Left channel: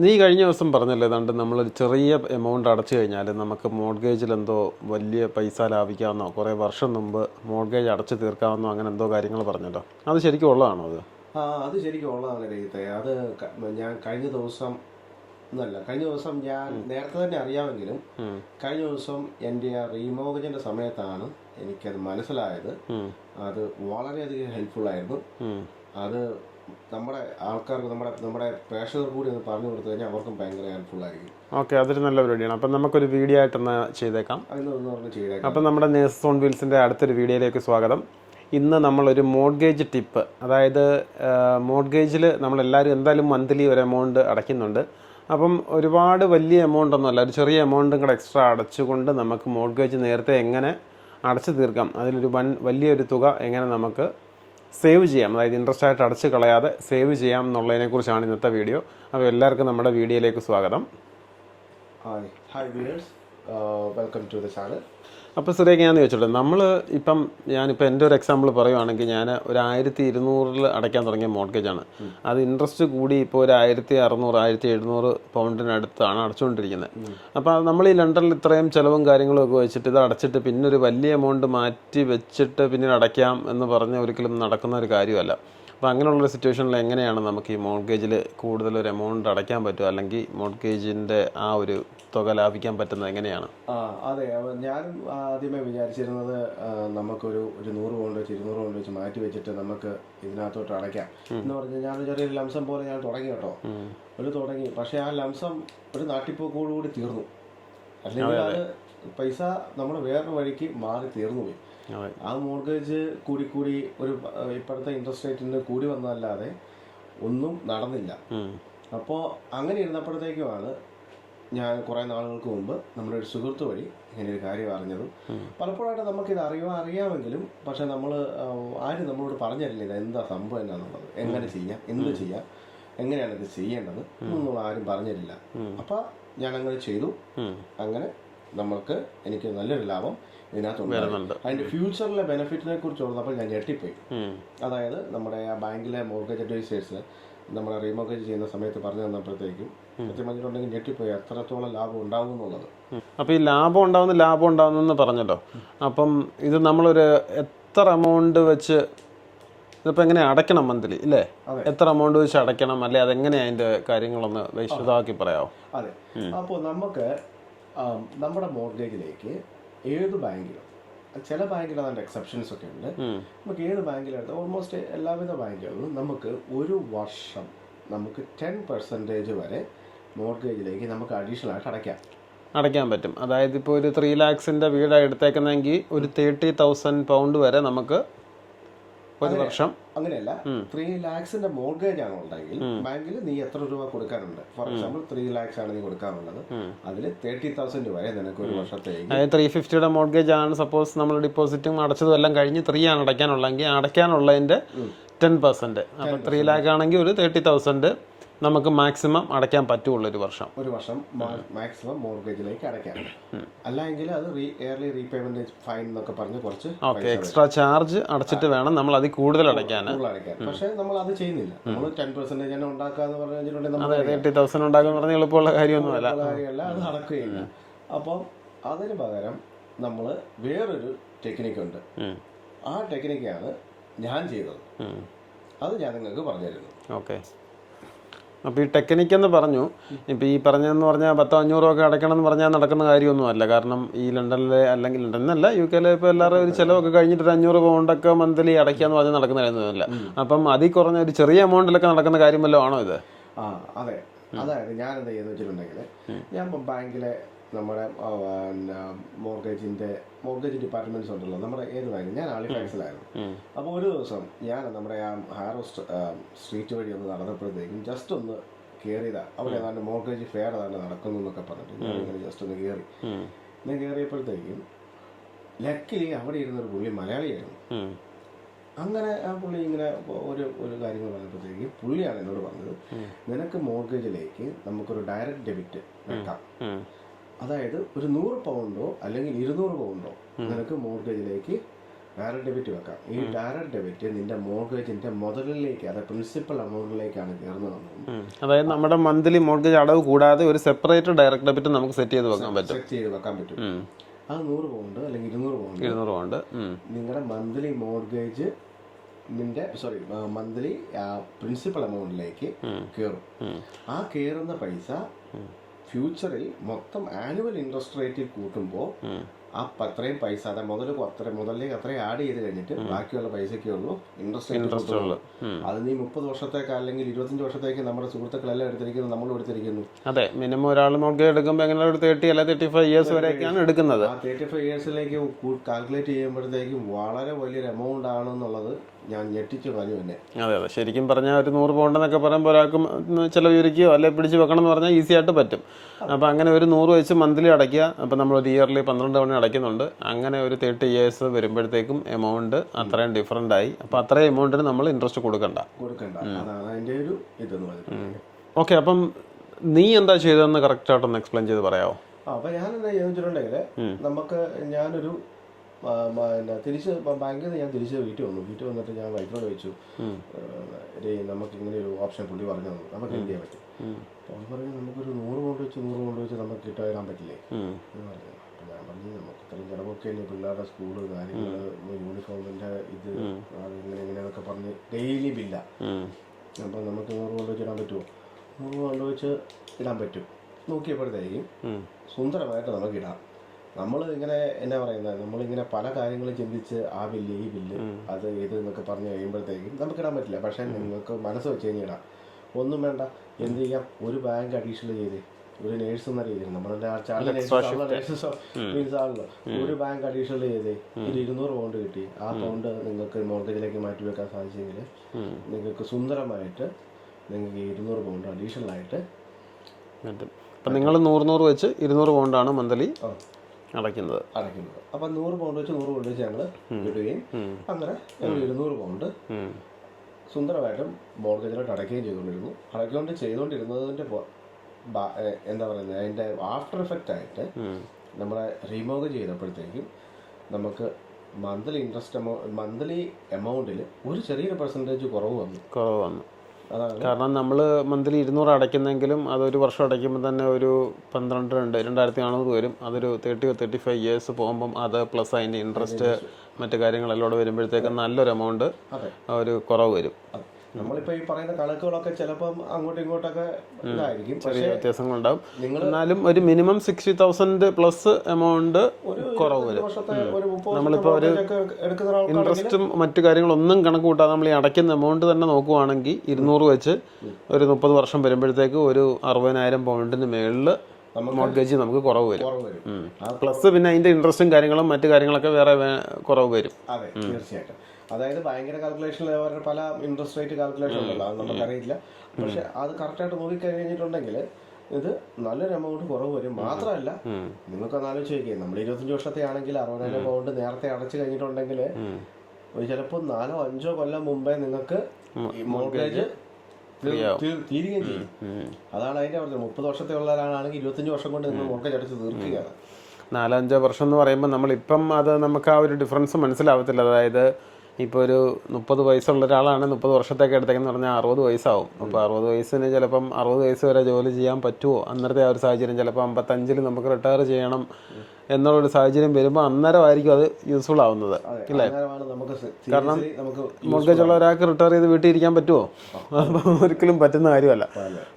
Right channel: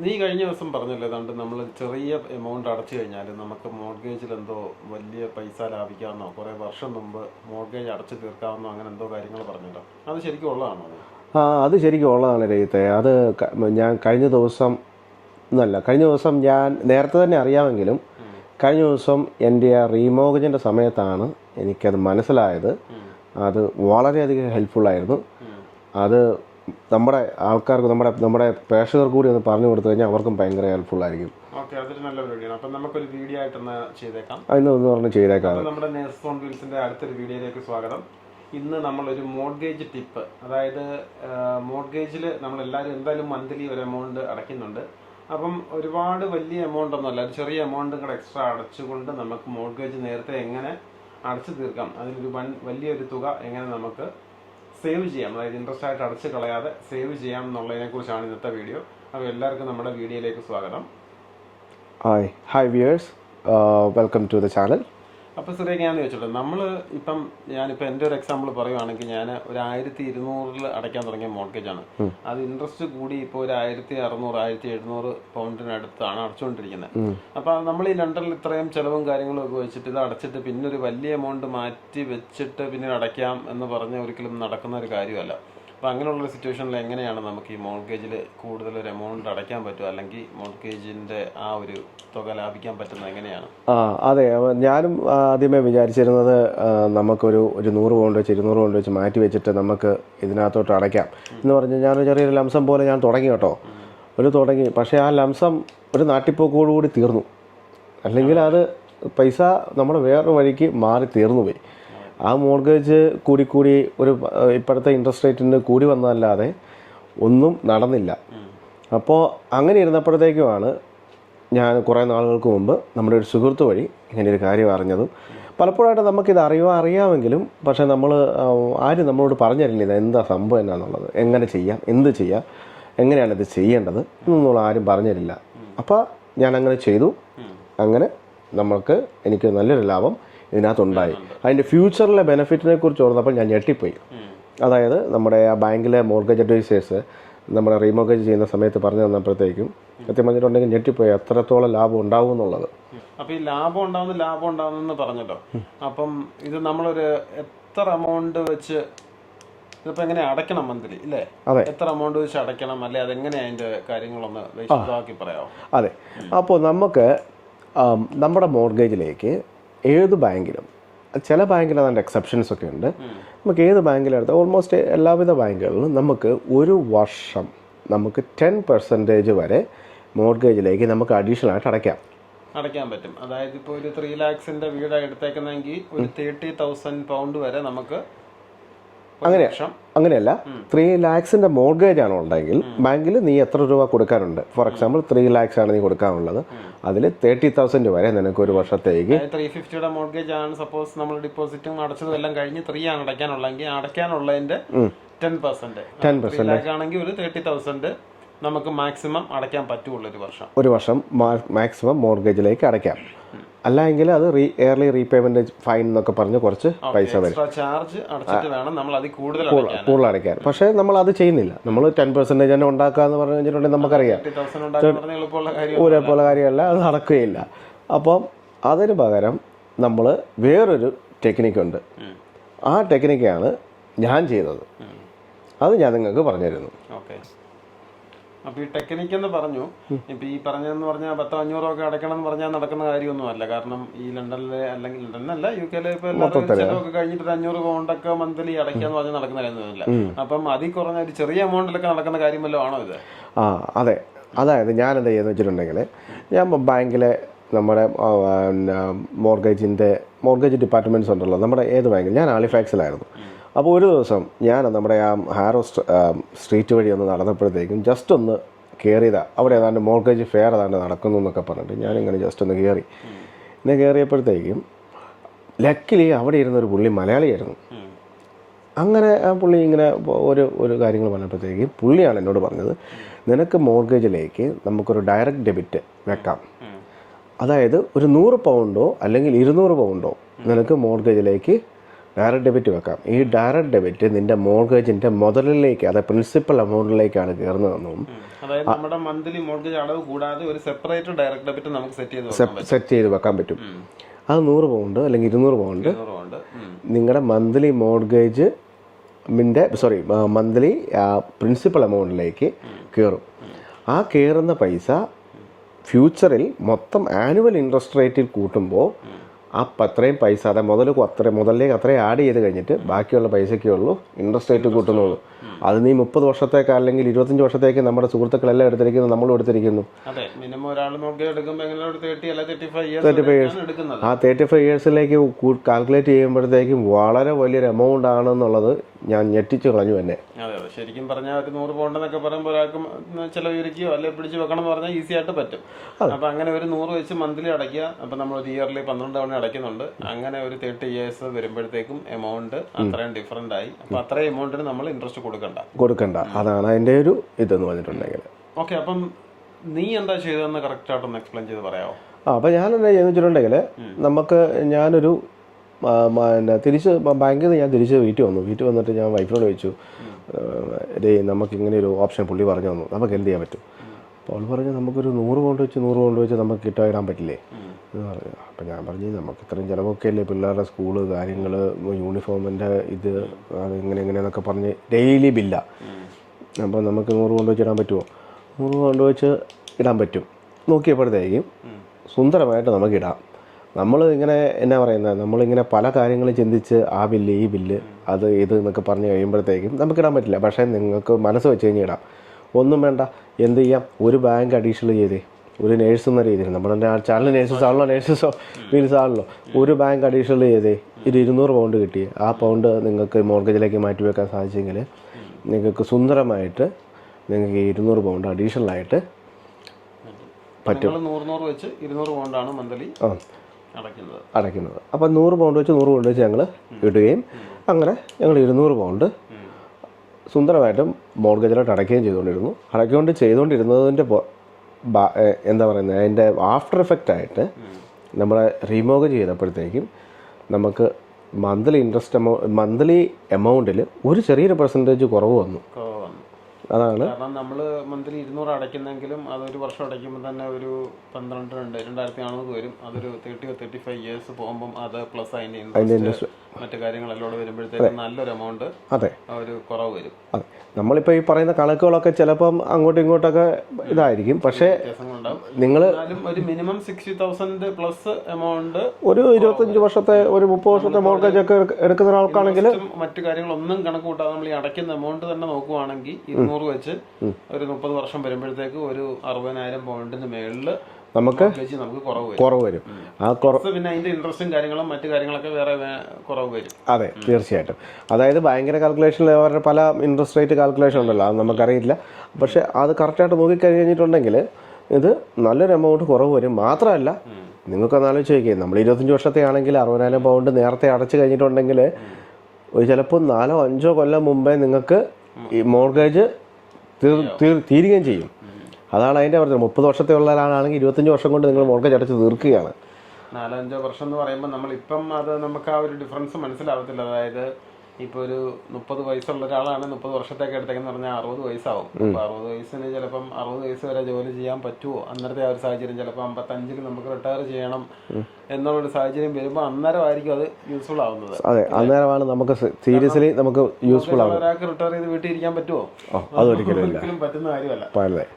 നീ കഴിഞ്ഞ ദിവസം പറഞ്ഞല്ലേ ഏതാണ്ട് നമ്മളൊരു ചെറിയ എമൗണ്ട് അടച്ചു കഴിഞ്ഞാൽ നമുക്ക് മോർഗേജിൽ എന്തോ വലിയ പൈസ ലാഭിക്കാമെന്നോ കുറേ വർഷം മുമ്പ് മോർഗേജ് അടച്ചു തീർക്കാമെന്നോ അങ്ങനെ എന്തോ കാര്യങ്ങൾ പറഞ്ഞല്ലോ. അത് ശരിക്കും ഉള്ളതാണോ അത്? അത് ശരിക്കും ഉള്ളതാണ് രഹിത്തെ. അത് ഞാൻ കഴിഞ്ഞ ദിവസം ഞാൻ നേരത്തെ തന്നെ അറിയാമെങ്കിലും കഴിഞ്ഞ ദിവസം എൻ്റെ ആ റീമോർഗേജിൻ്റെ സമയത്താണ് എനിക്കത് മനസ്സിലായത്. അത് വളരെയധികം ഹെൽപ്ഫുള്ളായിരുന്നു. അത് നമ്മുടെ ആൾക്കാർക്ക് നമ്മുടെ പ്രേക്ഷകർക്ക് കൂടി ഒന്ന് പറഞ്ഞു കൊടുത്തു കഴിഞ്ഞാൽ അവർക്കും ഭയങ്കര ഹെൽപ്ഫുള്ളായിരിക്കും. ഓക്കെ, അതൊരു നല്ല പരിപാടിയാണ്. അപ്പം നമുക്കൊരു വീഡിയോ ആയിട്ടൊന്ന് ചെയ്തേക്കാം. അതിനൊന്ന് പറഞ്ഞ് ചെയ്തേക്കാം. അപ്പം നമ്മുടെ നേഴ്സസ് ഓൺ വീൽസിൻ്റെ അടുത്തൊരു വീഡിയോയിലേക്ക് സ്വാഗതം. ഇന്ന് നമ്മളൊരു മോർഗേജ് ടിപ്പ്, അതായത് മോർഗേജിൽ നമ്മളെല്ലാവരും എന്തായാലും മന്ത്ലി ഒരു എമൗണ്ട് അടയ്ക്കുന്നുണ്ട്. അപ്പം ഒരുപാട് വലിയ എമൗണ്ട് ഒന്നുമല്ല, ഒരു ചെറിയ എമൗണ്ടും കൂടെ എക്സ്ട്രാ അടച്ചുകൊണ്ട് നമുക്ക് മോർഗേജ് നേരത്തെ എങ്ങനെ അടച്ചു തീർക്കാം, അതിലൊരു വലിയൊരു തുക എങ്ങനെ നമുക്ക് സേവ് ചെയ്യാം, അതായത് ഇൻട്രസ്റ്റ് ആയിട്ട് അടച്ച് കളയാതെ സേവ് ചെയ്യാം എന്നുള്ളതിനെക്കുറിച്ചാണ് ഇന്നത്തെ വീഡിയോ. അപ്പോൾ എല്ലാവർക്കും നമ്മുടെ വീഡിയോയിലേക്ക് സ്വാഗതം. Hi viewers, welcome to the channel. അപ്പോൾ സുരേഖയാന്ന് ചോദിച്ചിട്ട് ഞാനിപ്പോൾ എൻ്റെ ഒരു എക്സാമ്പിൾ പറയുവാണെങ്കിൽ, ഞാൻ ഒരു 1200 അടയ്ക്കാൻ തുടങ്ങിയ മോർഗേജാണ്. അത് ഇൻട്രസ്റ്റ് കൂടി ഇപ്പോൾ ഒരു 1600 1700 പൗണ്ടിനടുത്താണ് അടച്ചുകൊണ്ടിരിക്കുന്നത്. അപ്പോൾ നമ്മൾ ഈ ലണ്ടനിൽ ഇത്രയും ചിലവും കാര്യങ്ങളും ഒക്കെ വെച്ചിട്ട് ഇത് അടച്ചിട്ട് പിന്നെ ഒരു വലിയ എമൗണ്ട് മാറ്റി വെച്ചിട്ട് പിന്നീട് അടയ്ക്കാം എന്ന് പറഞ്ഞ് ഒരിക്കലും നടക്കുന്ന ഒരു കാര്യമല്ല. അപ്പോൾ അങ്ങനെയുള്ളൊരു സിറ്റുവേഷനിൽ എങ്ങനെയാണ് നമുക്ക് ഈ മോർഗേജിൽ കൂടുതലൊരു എമൗണ്ട് അടയ്ക്കാൻ പറ്റുക, അല്ലെങ്കിൽ മോർഗേജിൻ്റെ ആ ഒരു തുക ലാഭിക്കാൻ പറ്റുന്നത് എങ്ങനെയാണ്? അതെ, ഞാനും ആദ്യമേ വിചാരിച്ചിരുന്നത് നമുക്കൊരു 100 പൗണ്ട് വെച്ച് 200 പൗണ്ട് വെച്ച് മാറ്റി വെച്ചിട്ട് നമുക്ക് ഇതിനകത്തോട്ട് അടയ്ക്കാം എന്ന് പറഞ്ഞ് ഞാനൊരു ചെറിയൊരു ലംസം പോലെ ഞാൻ തുടങ്ങി കേട്ടോ. തുടങ്ങി. പക്ഷേ ആ ലംസം ഒരു നാട്ടിപ്പോക്കോടുകൂടി തീർന്നു. അല്ലെങ്കിൽ അത് പൈസ നമ്മുടെ വേറൊരു വഴിക്ക് മാറി തീർന്നു പോയി. ആ മോർഗേജ് കൂടി ഇപ്പോഴത്തെ ഇൻട്രസ്റ്റ് റേറ്റിന് കൂടി വന്നതല്ലാതെ ഒന്നും നടന്നില്ല. അപ്പോൾ അങ്ങനെ ഇരുന്നപ്പോഴത്തേക്കുമാണ് ഞാൻ കുറേ നാളുകൾക്ക് മുമ്പ് നമ്മുടെ ഒരു സുഹൃത്ത് വഴി ഇങ്ങനെ ഒരു കാര്യം അറിഞ്ഞതും. പലപ്പോഴായിട്ട് നമുക്കിത് അറിയാമെങ്കിലും പക്ഷേ ആരും നമ്മളോട് പറഞ്ഞു തരില്ല ഇത് എന്താ സംഭവം എന്നാന്നുള്ളത്, എങ്ങനെ ചെയ്യാം, എന്ത് ചെയ്യാം, എങ്ങനെയാണ് ഇത് ചെയ്യേണ്ടത് എന്നുള്ള ആരും പറഞ്ഞു തരില്ല. അപ്പോൾ ഞാൻ അങ്ങനെ ചെയ്തു. അങ്ങനെ എനിക്ക് നല്ലൊരു ലാഭം ഇതിനകത്തുണ്ടായി. അതിൻ്റെ ഫ്യൂച്ചറിലെ ബെനിഫിറ്റിനെ കുറിച്ച് ഓർന്നപ്പോൾ ഞാൻ ഞെട്ടിപ്പോയി. അതായത് നമ്മുടെ ആ ബാങ്കിലെ മോർഗേജ് അഡ്വൈസേഴ്സ് നമ്മുടെ റീമോർഗേജ് ചെയ്യുന്ന സമയത്ത് പറഞ്ഞു തന്നപ്പോഴത്തേക്കും സത്യം പറഞ്ഞിട്ടുണ്ടെങ്കിൽ ഞെട്ടിപ്പോയി എത്രത്തോളം ലാഭം ഉണ്ടാവും എന്നുള്ളത്. അപ്പോൾ ഈ ലാഭം ഉണ്ടാവുന്നു പറഞ്ഞല്ലോ. അപ്പം ഇത് നമ്മളൊരു എത്ര എമൗണ്ട് വെച്ച് ഇതിപ്പോൾ എങ്ങനെ അടയ്ക്കണം മന്ത്ലി ഇല്ലേ? അതെ, എത്ര എമൗണ്ട് വെച്ച് അടയ്ക്കണം, അല്ലെ അതെങ്ങനെയാണ് അതിൻ്റെ കാര്യങ്ങളൊന്ന് വിശദമാക്കി പറയാമോ? അതെ, അപ്പോൾ നമുക്ക് നമ്മുടെ മോർഗേജിലേക്ക് ഏത് ബാങ്കിലും, ചില ബാങ്കിൽ അതിൻ്റെ എക്സെപ്ഷൻസ് ഒക്കെ ഉണ്ട്, നമുക്ക് ഏത് ബാങ്കിലെടുത്താൽ ഓൾമോസ്റ്റ് എല്ലാവിധ ബാങ്കുകളിലും നമുക്ക് ഒരു വർഷം നമുക്ക് 10% വരെ മോർഗേജിലേക്ക് നമുക്ക് അഡീഷണൽ ആയിട്ട് അടയ്ക്കാൻ പറ്റും. അതായത് ഇപ്പോൾ ഒരു 3 lakhs വീടാണ് എടുത്തേക്കുന്നതെങ്കിൽ ഒരു 30,000 പൗണ്ട് വരെ നമുക്ക് അങ്ങനെയല്ല, 3 lakhs മോർഗേജ് ആണ് ഉണ്ടെങ്കിൽ ബാങ്കിൽ നീ എത്ര രൂപ കൊടുക്കാനുണ്ട്, ഫോർ എക്സാമ്പിൾ 3 lakhs ആണ് നീ കൊടുക്കാനുള്ളത്, അതിൽ 30,000 വരെ നിനക്ക് ഒരു വർഷത്തേക്ക് 350 മോർഗേജ് ആണ് സപ്പോസ് നമ്മൾ ഡിപ്പോസിറ്റും അടച്ചതും എല്ലാം കഴിഞ്ഞ് 3 ആണ് അടയ്ക്കാനുള്ളതെങ്കിൽ അടയ്ക്കാനുള്ളതിന്റെ 10%. 3 lakh ആണെങ്കിൽ ഒരു 30,000 നമുക്ക് മാക്സിമം അടയ്ക്കാൻ പറ്റുള്ളൂ ഒരു വർഷം മാക്സിമം മോർഗേജിലേക്ക് അടയ്ക്കാം. അല്ലെങ്കിൽ അത് ഇയർലി റീപേയ്മെന്റ് ഫൈൻ എന്നൊക്കെ പറഞ്ഞ് കുറച്ച് പൈസ ചാർജ് അടച്ചിട്ട് വേണം നമ്മൾ അതിൽ കൂടുതൽ അടയ്ക്കാൻ. പക്ഷേ നമ്മൾ അത് ചെയ്യുന്നില്ല. നമ്മൾ 10% തന്നെ ഉണ്ടാക്കാന്ന് പറഞ്ഞു കഴിഞ്ഞിട്ടുണ്ടെങ്കിൽ നമുക്കറിയാം എളുപ്പമുള്ള കാര്യമല്ല, അത് നടക്കുകയില്ല. അപ്പം അതിന് പകരം നമ്മൾ വേറൊരു ടെക്നിക്കുണ്ട്. ആ ടെക്നിക്കാണ് ഞാൻ ചെയ്തത്. അത് ഞാൻ നിങ്ങൾക്ക് പറഞ്ഞു തരുന്നു. ഓക്കെ, അപ്പോൾ ഈ ടെക്നിക്ക് എന്ന് പറഞ്ഞു, ഇപ്പം ഈ പറഞ്ഞതെന്ന് പറഞ്ഞാൽ 100-500 ഒക്കെ അടയ്ക്കണം എന്ന് പറഞ്ഞാൽ നടക്കുന്ന കാര്യമൊന്നുമല്ല. കാരണം ഈ ലണ്ടനിലെ, അല്ലെങ്കിൽ ലണ്ടനിലല്ല UK-ലെ ഇപ്പോൾ എല്ലാവരും ചിലവൊക്കെ കഴിഞ്ഞിട്ട് 500 പൗണ്ടൊക്കെ മന്ത്ലി അടയ്ക്കാന്ന് പറഞ്ഞാൽ നടക്കുന്ന കാര്യമൊന്നുമല്ല. അപ്പം അതിൽ കുറഞ്ഞ ഒരു ചെറിയ എമൗണ്ടിലൊക്കെ നടക്കുന്ന കാര്യം വല്ലതും ആണോ ഇത്? അതെ, അതായത് ഞാൻ എന്താ ചെയ്യുന്നത് വെച്ചിട്ടുണ്ടെങ്കിൽ, ഞാൻ ബാങ്കിലെ നമ്മുടെ മോർഗേജ് ഡിപ്പാർട്ട്മെൻറ്റ്സ് ഉണ്ടല്ലോ നമ്മുടെ ഏത് ബാങ്കിൽ, ഞാൻ ഹാലിഫാക്സിലായിരുന്നു. അപ്പോൾ ഒരു ദിവസം ഞാൻ നമ്മുടെ ആ ഹാരോ സ്ട്രീറ്റ് വഴി ഒന്ന് നടന്നപ്പോഴത്തേക്കും ജസ്റ്റ് ഒന്ന് കയറിയതാണ്. അവിടെ ഏതാണ്ട് മോർഗേജ് ഫെയർ ഏതാണ്ട് നടക്കുന്നു എന്നൊക്കെ പറഞ്ഞിട്ട് ഞാനിങ്ങനെ ജസ്റ്റ് ഒന്ന് കയറിയപ്പോഴത്തേക്കും ലക്കിലി അവിടെ ഇരുന്നൊരു പുള്ളി മലയാളിയായിരുന്നു. അങ്ങനെ ആ പുള്ളി ഇങ്ങനെ ഒരു കാര്യങ്ങൾ പറഞ്ഞപ്പോഴത്തേക്ക് പുള്ളിയാണ് എന്നോട് പറഞ്ഞത്, നിനക്ക് മോർഗേജിലേക്ക് നമുക്കൊരു ഡയറക്റ്റ് ഡെബിറ്റ് വെക്കാം. അതായത് ഒരു 100 പൗണ്ടോ അല്ലെങ്കിൽ 200 പൗണ്ടോ നിനക്ക് മോർഗേജിലേക്ക് ഡയറക്റ്റ് ഡെബിറ്റ് വെക്കാം. ഈ ഡയറക്റ്റ് ഡെബിറ്റ് നിൻ്റെ മോർഗേജിൻ്റെ മുതലിലേക്ക്, അതായത് പ്രിൻസിപ്പൽ എമൗണ്ടിലേക്കാണ് കയറുന്നതെന്നും, അതായത് നമ്മുടെ മന്ത്ലി മോർഗേജ് അടവ് കൂടാതെ ഒരു സെപ്പറേറ്റ് ഡയറക്റ്റ് ഡെബിറ്റ് നമുക്ക് സെറ്റ് ചെയ്ത് വെക്കാൻ പറ്റും. അത് 100 പൗണ്ട് അല്ലെങ്കിൽ 200 പൗണ്ട് നിങ്ങളുടെ മന്ത്ലി മോർഗേജ് മന്ത്ലി പ്രിൻസിപ്പൽ എമൗണ്ടിലേക്ക് കയറും. ആ കയറുന്ന പൈസ ഫ്യൂച്ചറിൽ മൊത്തം ആനുവൽ ഇൻട്രസ്റ്റ് റേറ്റിൽ കൂട്ടുമ്പോൾ അത്രയും പൈസ, അതായത് മുതലിലേക്ക് അത്രയും ആഡ് ചെയ്ത് കഴിഞ്ഞിട്ട് ബാക്കിയുള്ള പൈസയ്ക്കേ ഉള്ളൂ ഇൻട്രസ്റ്റ് റേറ്റ് കൂട്ടുന്നത്. അത് നീ 30 വർഷത്തേക്ക് അല്ലെങ്കിൽ 25 വർഷത്തേക്ക് നമ്മുടെ സുഹൃത്തുക്കളെല്ലാം എടുത്തിരിക്കുന്നു, നമ്മളും എടുത്തിരിക്കുന്നു. അതെ, മിനിമം ഒരാൾ മോർഗേജ് എടുക്കുമ്പോൾ എങ്ങനെ ഒരു 30 അല്ലെങ്കിൽ 35 ഇയേഴ്സ് എടുക്കുന്നത്. ആ 35 ഇയേഴ്സിലേക്ക് കാൽക്കുലേറ്റ് ചെയ്യുമ്പോഴത്തേക്കും വളരെ വലിയൊരു എമൗണ്ട് ആണെന്നുള്ളത് ഞാൻ ഞെട്ടിച്ചു കളഞ്ഞു തന്നെ. അതെ അതെ, ശരിക്കും പറഞ്ഞാൽ ഒരു 100 പൗണ്ട് എന്നൊക്കെ പറയുമ്പോൾ ഒരാൾക്കും ചിലവരിക്കോ അല്ലെങ്കിൽ പിടിച്ച് വെക്കണം എന്ന് പറഞ്ഞാൽ ഈസി ആയിട്ട് പറ്റും. അപ്പം അങ്ങനെ ഒരു 100 വെച്ച് മന്ത്ലി അടയ്ക്കുക. അപ്പം നമ്മൾ ഒരു ഇയർലി 12 തവണ അടയ്ക്കുന്നുണ്ട്. അങ്ങനെ ഒരു 30 ഇയേഴ്സ് വരുമ്പോഴത്തേക്കും എമൗണ്ട് അത്രയും ഡിഫറൻ്റ് ആയി. അപ്പം അത്രയും എമൗണ്ടിന് നമ്മൾ ഇൻട്രസ്റ്റ് കൊടുക്കണ്ട. അതാണ് അതിൻ്റെ ഒരു ഇതെന്ന് പറഞ്ഞിട്ടുണ്ടെങ്കിൽ. ഓക്കെ, അപ്പം നീ എന്താ ചെയ്തതെന്ന് കറക്റ്റായിട്ടൊന്ന് എക്സ്പ്ലെയിൻ ചെയ്ത് പറയാമോ? അപ്പം ഞാൻ എന്താ ചെയ്യുന്ന വെച്ചിട്ടുണ്ടെങ്കിൽ ഞാനൊരു തിരിച്ച് ബാങ്കിൽ നിന്ന് ഞാൻ തിരിച്ച് വീട്ടിൽ വന്നിട്ട് ഞാൻ വൈഫിനോട് ചോദിച്ചു, നമുക്ക് ഇങ്ങനെ ഒരു ഓപ്ഷൻ പുള്ളി പറഞ്ഞു തന്നു, നമുക്ക് എന്ത് ചെയ്യാൻ പറ്റും? അപ്പോൾ അവൾ പറഞ്ഞു, നമുക്കൊരു 100 പൗണ്ട് വെച്ച് നമുക്ക് ഇടാൻ പറ്റില്ലേ എന്ന് പറഞ്ഞു. അപ്പം ഞാൻ പറഞ്ഞു, നമുക്ക് ഇത്രയും ചിലവൊക്കെ അല്ലേ, പിള്ളേരുടെ സ്കൂള് കാര്യങ്ങൾ, യൂണിഫോമിൻ്റെ ഇത്, ഇങ്ങനെയെന്നൊക്കെ പറഞ്ഞ് ഡെയിലി ബില്ല. അപ്പോൾ നമുക്ക് 100 പൗണ്ട് വെച്ച് ഇടാൻ പറ്റുമോ? 100 പൗണ്ട് വെച്ച് ഇടാൻ പറ്റും. നോക്കിയപ്പോഴത്തേക്കും സുന്ദരമായിട്ട് നമുക്ക് ഇടാം. നമ്മൾ ഇങ്ങനെ എന്നാ പറയുന്നത്, നമ്മളിങ്ങനെ പല കാര്യങ്ങളും ചിന്തിച്ച് ആ ബില്ല് ഈ ബില്ല് അത് ഇത് എന്നൊക്കെ പറഞ്ഞ് കഴിയുമ്പോഴത്തേക്കും നമുക്കിടാൻ പറ്റില്ല. പക്ഷേ നിങ്ങൾക്ക് മനസ്സ് വെച്ച് കഴിഞ്ഞാൽ ഇടാം. ഒന്നും വേണ്ട, എന്ത് ചെയ്യാം, ഒരു ബാങ്ക് അഡീഷണൽ ചെയ്തേ, ഒരു നേഴ്സ് എന്ന രീതിയിൽ നമ്മുടെ ചാനൽ നേഴ്സസ് മീൻസ് ആണല്ലോ, ഒരു ബാങ്ക് അഡീഷണൽ ചെയ്തേ, ഇത് 200 പൗണ്ട് കിട്ടി. ആ പൗണ്ട് നിങ്ങൾക്ക് മോർഗേജിലേക്ക് മാറ്റി വെക്കാൻ സാധിച്ചെങ്കിൽ നിങ്ങൾക്ക് സുന്ദരമായിട്ട് നിങ്ങൾക്ക് 200 പൗണ്ട് അഡീഷണലായിട്ട് നിങ്ങൾ 100 വെച്ച് 200 പൗണ്ടാണ് മന്ത്ലി അടയ്ക്കുന്നത്. അപ്പം 100 പൗണ്ട് വെച്ച് ഞങ്ങൾ ഇടുകയും അങ്ങനെ ഞങ്ങൾ 200 പൗണ്ട് സുന്ദരമായിട്ടും മോർഗേജിലോട്ട് അടയ്ക്കുകയും ചെയ്തുകൊണ്ടിരുന്നതിൻ്റെ എന്താ പറയുന്നത്, അതിൻ്റെ ആഫ്റ്റർ എഫക്റ്റ് ആയിട്ട് നമ്മളെ റീമോർഗേജ് ചെയ്തപ്പോഴത്തേക്കും നമുക്ക് മന്ത്ലി എമൗണ്ടിൽ ഒരു ചെറിയൊരു പെർസെൻറ്റേജ് കുറവ് വന്നു. അതാണ് കാരണം നമ്മൾ മന്ത്ലി 200 അടയ്ക്കുന്നെങ്കിലും അതൊരു വർഷം അടയ്ക്കുമ്പോൾ തന്നെ ഒരു 22,400 വരും. അതൊരു 35 ഇയേഴ്സ് പോകുമ്പം അത് പ്ലസ് അതിൻ്റെ ഇൻട്രസ്റ്റ് മറ്റു കാര്യങ്ങളെല്ലാം വരുമ്പോഴത്തേക്കും നല്ലൊരു എമൗണ്ട് ഒരു കുറവ് വരും. നമ്മളിപ്പോൾ ഈ പറയുന്ന കണക്കുകളൊക്കെ ചിലപ്പം അങ്ങോട്ടും ഇങ്ങോട്ടൊക്കെ ഇതായിരിക്കും, പക്ഷേ വ്യത്യാസങ്ങളുണ്ടാവും. നിങ്ങൾ ഒരു മിനിമം 60,000 പ്ലസ് എമൗണ്ട് ഒരു 25 വർഷത്തെ ഒരു 30 വർഷത്തെ മോർഗേജ് ഒക്കെ എടുക്കുന്ന ആൾക്കാണെങ്കിൽ മറ്റു കാര്യങ്ങളൊന്നും കണക്ക് കൂട്ടാതെ നമ്മൾ ഈ അടയ്ക്കുന്ന എമൗണ്ട് തന്നെ നോക്കുവാണെങ്കിൽ 200 വെച്ച് ഒരു 30 വർഷം വരുമ്പോഴത്തേക്ക് ഒരു 60,000 പൗണ്ടിന് മേളിൽ നമുക്ക് കുറവ് വരും. പിന്നെ അതിന്റെ ഇൻട്രസ്റ്റും കാര്യങ്ങളും മറ്റു കാര്യങ്ങളൊക്കെ വേറെ കുറവ് വരും. അതെ, തീർച്ചയായിട്ടും. അതായത് ഭയങ്കര കാൽക്കുലേഷൻ, അവരുടെ പല ഇൻട്രസ്റ്റ് റേറ്റ് കാൽക്കുലേഷൻ ഉണ്ടല്ലോ, അത് നമുക്കറിയില്ല. പക്ഷെ അത് കറക്റ്റായിട്ട് നോക്കിക്കഴിഞ്ഞിട്ടുണ്ടെങ്കിൽ ഇത് നല്ലൊരു എമൗണ്ട് കുറവ് വരും. മാത്രമല്ല, നിങ്ങൾക്കൊന്ന് ആലോചിച്ച് നോക്കിയേ, നമ്മൾ 25 വർഷത്തെ ആണെങ്കിൽ 60,000 പൗണ്ട് നേരത്തെ അടച്ചു കഴിഞ്ഞിട്ടുണ്ടെങ്കിൽ ഒരു ചിലപ്പോൾ 4-5 കൊല്ലം മുമ്പേ നിങ്ങൾക്ക് ഈ മോർഗേജ് തീരുകയും ചെയ്യും. അതാണ് അതിൻ്റെ പറഞ്ഞത്. 30 വർഷത്തെ ഉള്ള ഒരാളാണെങ്കിൽ 25 വർഷം കൊണ്ട് നിങ്ങൾ മോർഗേജ് അടച്ച് തീർക്കുകയാണ്. 4-5 വർഷം എന്ന് പറയുമ്പോൾ നമ്മളിപ്പം അത് നമുക്ക് ആ ഒരു ഡിഫറൻസ് മനസ്സിലാവത്തില്ല. അതായത് ഇപ്പോൾ ഒരു 30 വയസ്സുള്ള ഒരാളാണ് 30 വർഷത്തേക്ക് എടുത്തേക്കെന്ന് പറഞ്ഞാൽ 60 വയസ്സാവും. അപ്പോൾ 60 വയസ്സിന് ചിലപ്പം 60 വയസ്സ് വരെ ജോലി ചെയ്യാൻ പറ്റുമോ? അന്നേരത്തെ ആ ഒരു സാഹചര്യം ചിലപ്പോൾ 55-ൽ നമുക്ക് റിട്ടയർ ചെയ്യണം എന്നുള്ളൊരു സാഹചര്യം വരുമ്പോൾ അന്നേരമായിരിക്കും അത് യൂസ്ഫുൾ ആവുന്നത്. അതെ, അന്നേരമാണ് നമുക്ക് സീരിയസ്ലി നമുക്ക് യൂസ്ഫുൾ. ഒരാൾക്ക് റിട്ടയർ ചെയ്ത് വീട്ടിൽ ഇരിക്കാൻ പറ്റുമോ? ഒരിക്കലും പറ്റുന്ന കാര്യമല്ല.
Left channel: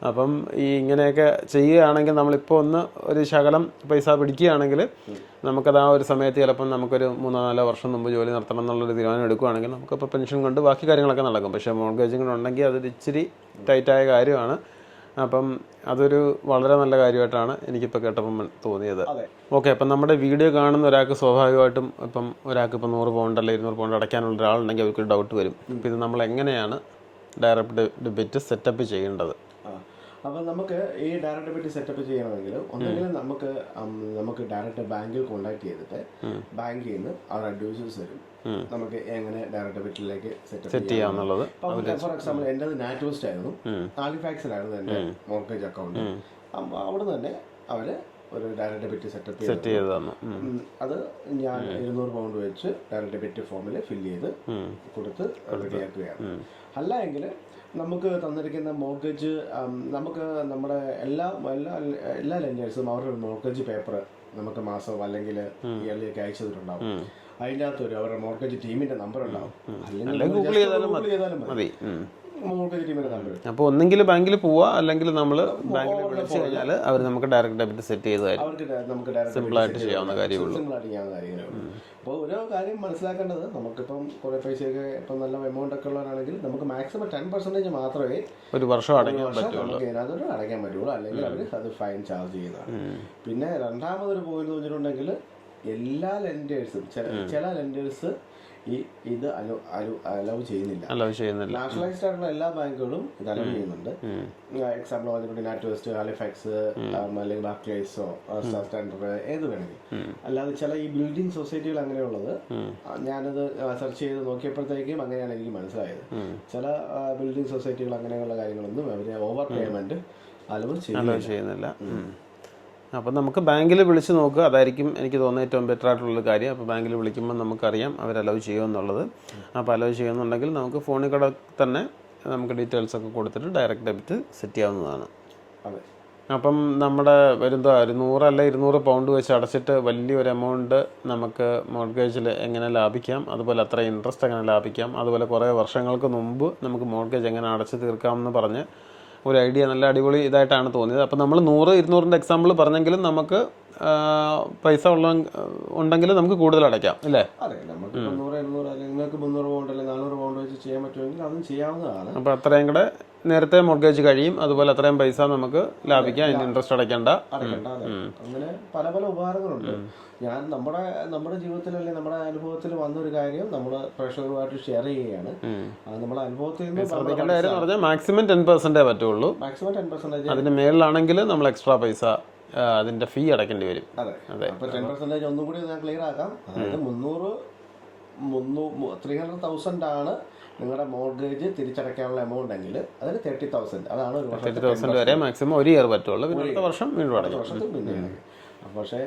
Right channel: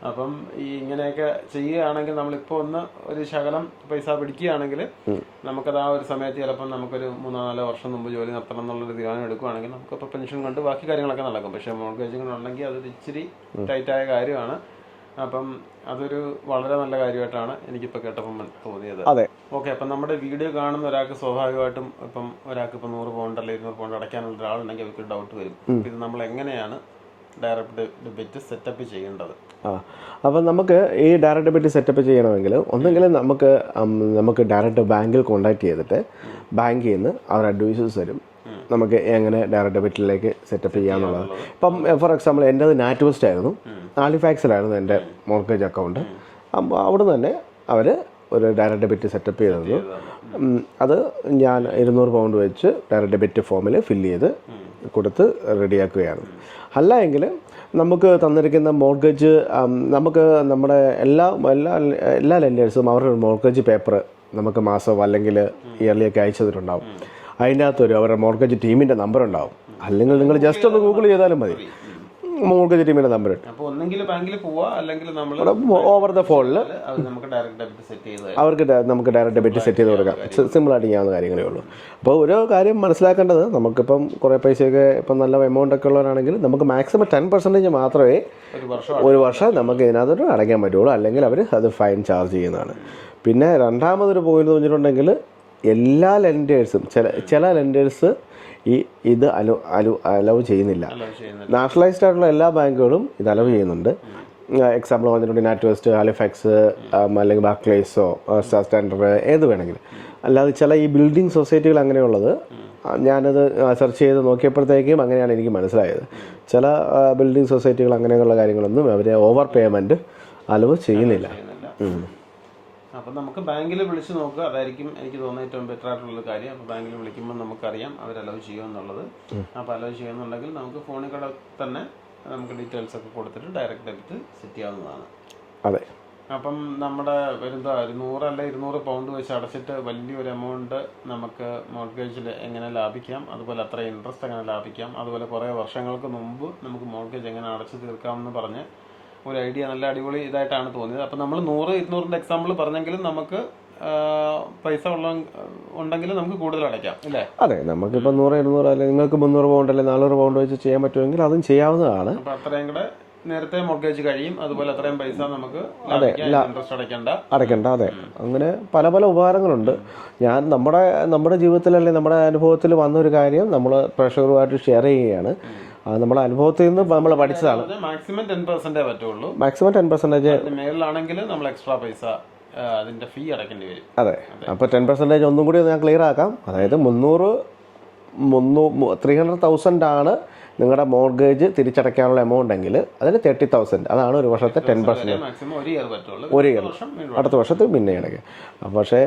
അപ്പം ഈ ഇങ്ങനെയൊക്കെ ചെയ്യുകയാണെങ്കിൽ നമ്മളിപ്പോൾ ഒരു ശകലം പൈസ പിടിക്കുകയാണെങ്കിൽ നമുക്കത് ആ ഒരു സമയത്ത് ചിലപ്പം നമുക്കൊരു 3-4 വർഷം മുമ്പ് ജോലി നിർത്തണം എന്നുള്ളൊരു തീരുമാനം എടുക്കുകയാണെങ്കിൽ നമുക്കിപ്പോൾ പെൻഷൻ കൊണ്ട് ബാക്കി കാര്യങ്ങളൊക്കെ നടക്കും. പക്ഷേ മോർഗേജും കൂടെ ഉണ്ടെങ്കിൽ അതൊരു ഇച്ചിരി ടൈറ്റായ കാര്യമാണ്. അപ്പം അതൊരു വളരെ നല്ല കാര്യമായിട്ടാണ് എനിക്കിപ്പോൾ കേട്ടപ്പം തോന്നിയത്. അതെ, ഓക്കെ. അപ്പം നമ്മുടെ വീഡിയോ കാണുന്ന ഒരാൾക്ക് സ്വാഭാവികമായിട്ടും ഇപ്പം ഒരാൾക്ക് ഇപ്പം 100 പൗണ്ട് അല്ലെങ്കിൽ 200 പൗണ്ട് അടയ്ക്കാനുള്ള ഒരാളുണ്ടെങ്കിൽ അവർക്ക് ഡൗട്ട് വരും. അപ്പം ഇത് നമ്മൾ എങ്ങനെയാണ് ഡയറക്റ്റ് ഡെബിറ്റ് സെറ്റപ്പ് ചെയ്യേണ്ടത്? അപ്പം നമുക്ക് ഈ ഡയറക്റ്റ് ഡെബിറ്റ് സെറ്റപ്പ് ചെയ്യണമെങ്കിൽ ഒന്നെങ്കിൽ നമുക്ക് ഡയറക്റ്റ് ബാങ്കിൽ കോൺടാക്ട് ചെയ്തിട്ട് ബാങ്കിൽ നിന്ന് അവർ അഡ്വൈസസ് തരും നമുക്ക് എങ്ങനെ ഡയറക്റ്റ് ഡെബിറ്റിലേക്ക് സെറ്റപ്പ് ചെയ്യാന്നുള്ളത്. ഇപ്പം ഫോർ എക്സാമ്പിൾ എൻ്റെത് നാറ്റ് വെസ്റ്റ് ആയിരുന്നു, ഹാലിഫാക്സിലായിരുന്നു എൻ്റെ മോർഗേജ് അക്കൗണ്ട്. അപ്പോൾ അവിടെ തന്നെ അവർ ഒരു ഡയറക്റ്റ് ഡെബിറ്റ് സെറ്റപ്പ് ചെയ്തത്. ചെയ്തതാണ്. അത് ഞാൻ 200 പൗണ്ട് വെച്ച് ഡയറക്റ്റ് ഡെബിറ്റ് ഫോമിൽ ഫില്ല് ചെയ്ത് കൊടുത്ത് റെഡിയാക്കുകയാണ്. അല്ല എങ്കിൽ നമുക്ക് തന്നിരിക്കുന്ന മോർഗേജ് നമുക്ക് നമ്മുടെ എല്ലാ ലെൻഡേഴ്സും അവരുടെ മോർഗേജ് പേപ്പർ നമുക്ക് മാസം അല്ലെങ്കിൽ ഇയർലിയൊക്കെ അയച്ചു തന്നിട്ടുണ്ടാവും. അതിൻ്റെ അകത്തൊരു അവരുടെ മോർഗേജ് ടീമിൻ്റെ നമ്പർ ഉണ്ടാവും. അല്ലെങ്കിൽ നിങ്ങൾ ജസ്റ്റ് ഒന്ന് ഗൂഗിൾ ചെയ്താലും മതി, മോർഗേജ് ടീമിൻ്റെ നമ്പർ. അപ്പോൾ ഒന്നെങ്കിൽ ബാങ്കിൽ പോവാ, അല്ലെങ്കിൽ നമ്മൾ ഓവർ ദ ഫോണിൽ അവർ നമുക്ക് ഡയറക്റ്റ് ഡെബിറ്റ് സെറ്റ് ചെയ്ത് അവർക്ക് നമുക്ക് ഡയറക്റ്റ് ഡെബിറ്റ് സെറ്റ് ചെയ്ത് കൊടുക്കാം. സിമ്പിളായിട്ട് ചെയ്യാവുന്ന കാര്യങ്ങളേ ഉള്ളൂ. അപ്പോൾ ഒരു കാര്യം മനസ്സിലാക്കേണ്ടത്, നമുക്കിപ്പം കുറേ പൈസയൊക്കെ ഇപ്പം നല്ല എമൗണ്ട് ഒക്കെ ഉള്ളവരാണെങ്കിൽ നമുക്ക് മാക്സിമം 10% മാത്രമേ ഒരു വർഷം നമുക്ക് ഇതിനകത്തോട്ട് അടയ്ക്കാൻ പറ്റുള്ളൂ. അല്ലെങ്കിൽ അവർ അത് ഫൈൻ ചാർജ് ചെയ്യുന്നതാണ്. പിന്നെ രണ്ടാമതൊരു പോയിന്റ് തോന്നിയിട്ടുണ്ടെങ്കിൽ എല്ലാ ലെൻഡേഴ്സും ചില ലെൻഡേഴ്സ് ഇത് അലൗ ചെയ്യുന്നില്ല. നാഷണലൈസ്ഡ് ആയിട്ടുള്ള എല്ലാ ബാങ്കുകളും ഇത് അലൗ ചെയ്യുന്നുണ്ട്. എക്സാമ്പിൾ പറഞ്ഞിട്ടുണ്ട് നാറ്റ് വെസ്റ്റ്, ഹാലിഫാക്സ്, അല്ലെങ്കിൽ ബാർക്ലേസോ, സ്റ്റാൻഡേർഡ്, ഏത് വേണമെങ്കിലും. അല്ലാതെ ചില ഈ ബിൽഡിംഗ് സൊസൈറ്റികൾ അങ്ങനെയുള്ളത് ഞാനത് സെർച്ച് ചെയ്ത് നോക്കിയപ്പോഴത്തേക്കും അങ്ങനെയാണ് എനിക്ക് മനസ്സിലായത്. ചില ബിൽഡിംഗ് സൊസൈറ്റികൾ അങ്ങനെയുള്ള കാര്യങ്ങളൊന്നും അവർ ഓവർ പേയ്മെൻറ്റ് അലവ് ചെയ്യുന്നില്ല. അപ്പം നമുക്ക് ബാങ്കിൽ വിളിച്ച് നോക്കുക, അതായിരിക്കും എനിക്ക് തോന്നുന്നത് ഏറ്റവും ബെറ്റർ ആയിട്ടുള്ളൊരു കാര്യം. അപ്പോൾ ബാങ്കിൽ വിളിക്കുമ്പോൾ നമുക്കറിയാം അവർ അലവ് ചെയ്യുമെന്നുള്ളത്. അപ്പോൾ അലവ് ചെയ്യുന്നുണ്ടെങ്കിൽ നമുക്ക് ഫോണിൽ കൂടെ തന്നെ നമുക്ക് ഡീറ്റെയിൽസ് ഒക്കെ കൊടുത്തിട്ട് ഡയറക്റ്റ് ഡെബിറ്റ് സെറ്റ് ചെയ്യാവുന്നതാണ്. അതെ. അപ്പം നമ്മുടെ വരുന്ന 100 അല്ല 200 പൗണ്ട് വെച്ച് അടച്ചിട്ട് വലിയൊരു എമൗണ്ട് നമുക്ക് മോർഗേജിൽ എങ്ങനെ ലാഭിക്കാം, അതുപോലെ അത്ര ഇൻട്രസ്റ്റ് എങ്ങനെ ലാഭിക്കാം, അതുപോലെ കുറേ വർഷങ്ങൾക്ക് മുമ്പ് നമുക്ക് മോർഗേജ് എങ്ങനെ അടച്ചു തീർക്കാമെന്ന് പറഞ്ഞ് ഒരു ഐഡിയ നല്ല അടിപൊളി ഇതായിട്ടാണ് തോന്നിയത്. അപ്പം നമ്മൾ 100-200 എക്സാമ്പിൾ പറഞ്ഞെങ്കിലും നമുക്ക് പൈസ ഉണ്ടെങ്കിൽ നമുക്ക് കൂടുതൽ അടയ്ക്കാം അല്ലേ? അതെ, നമുക്കിപ്പോൾ 100-200 അല്ലെങ്കിൽ നിങ്ങൾക്ക് 300 പൗണ്ട് അല്ലെങ്കിൽ 400 പൗണ്ട് വെച്ച് ചെയ്യാൻ പറ്റുമെങ്കിൽ അതും ചെയ്യാവുന്നതാണ്. അപ്പോൾ അത്രയും കൂടെ നേരത്തെ മോർഗേജ് കഴിയും, അതുപോലെ അത്രയും പൈസ നമുക്ക് ലാഭിക്കാം, ഇൻട്രസ്റ്റ് അടയ്ക്കണ്ട. അതെ, അങ്ങനെ പല പല ഉപകാരങ്ങളുണ്ട്. ഞാൻ നമ്മുടെ ജീവിതത്തിലല്ലേ നമ്മുടെ അനുഭവത്തിൽ വന്നൊരു കാര്യം നമ്മൾ പ്രേക്ഷകരുമായിട്ട് ഷെയർ ചെയ്യുകയാണ്. നമ്മുടെ അനുഭവത്തിൽ നിന്ന് നമ്മൾ പഠിച്ചതാണ്. മാക്സിമം 10% പറ്റുള്ളൂ. മാക്സിമം 10%. അതിന് മേളിലാണെങ്കിൽ നമ്മൾ എക്സ്ട്രാ പൈസ അതിന്റെ ഫീ അടയ്ക്കേണ്ടി വരും. അതെ, അപ്പോൾ 10% ഒന്നും കൂടി ഞാൻ ക്ലിയർ ആക്കാം. അതായത് 300,000 ആണ് നിങ്ങളുടെ മോർഗേജ് തിരിച്ചടയ്ക്കാനുള്ള എമൗണ്ട് എങ്കിൽ അതിന് 30,000, അതാണ് ഒരു വർഷത്തെ 10%. മാക്സിമം ഒരു ഇയർ പറ്റുള്ളൂ, അടുത്ത വർഷത്തിൽ പിന്നെ അടയ്ക്കുക. പക്ഷേ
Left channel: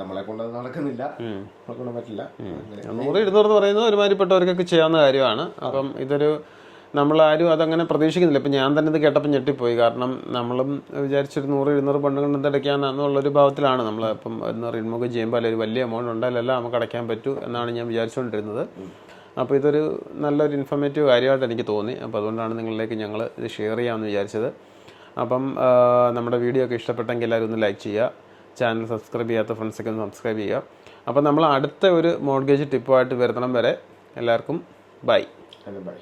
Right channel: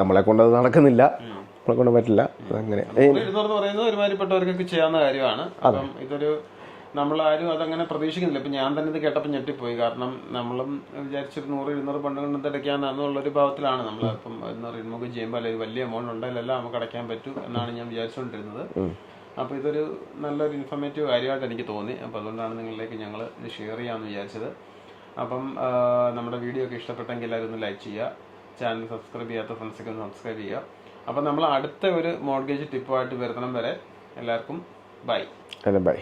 നമ്മളെ കൊണ്ട് അത് നടക്കുന്നില്ല, നമ്മളെ കൊണ്ട് പറ്റില്ല. അങ്ങനെ 100-200 പറയുന്നത് ഒരുമാതിരിപ്പെട്ടവർക്കൊക്കെ ചെയ്യാവുന്ന കാര്യമാണ്. അപ്പം ഇതൊരു നമ്മളാരും അതങ്ങനെ പ്രതീക്ഷിക്കുന്നില്ല. ഇപ്പം ഞാൻ തന്നെ ഇത് കേട്ടപ്പോൾ ഞെട്ടിപ്പോയി. കാരണം നമ്മളും വിചാരിച്ചൊരു 100-200 പണ്ട് കൊണ്ട് എന്തടയ്ക്കാന്നുള്ളൊരു ഭാവത്തിലാണ് നമ്മൾ ഇപ്പം റിമൂവ് ചെയ്യുമ്പോൾ അല്ലെങ്കിൽ വലിയ എമൗണ്ട് ഉണ്ടായാലല്ല നമുക്ക് അടയ്ക്കാൻ പറ്റൂ എന്നാണ് ഞാൻ വിചാരിച്ചുകൊണ്ടിരുന്നത്. അപ്പോൾ ഇതൊരു നല്ലൊരു ഇൻഫോർമേറ്റീവ് കാര്യമായിട്ട് എനിക്ക് തോന്നി. അപ്പോൾ അതുകൊണ്ടാണ് നിങ്ങളിലേക്ക് ഞങ്ങൾ ഇത് ഷെയർ ചെയ്യാമെന്ന് വിചാരിച്ചത്. അപ്പം നമ്മുടെ വീഡിയോ ഒക്കെ ഇഷ്ടപ്പെട്ടെങ്കിൽ എല്ലാവരും ഒന്ന് ലൈക്ക് ചെയ്യുക, ചാനൽ സബ്സ്ക്രൈബ് ചെയ്യാത്ത ഫ്രണ്ട്സൊക്കെ ഒന്ന് സബ്സ്ക്രൈബ് ചെയ്യുക. അപ്പോൾ നമ്മൾ അടുത്ത ഒരു മോർഗേജ് ടിപ്പുമായിട്ട് വരുത്തണം വരെ എല്ലാവർക്കും ബൈ. ബൈ.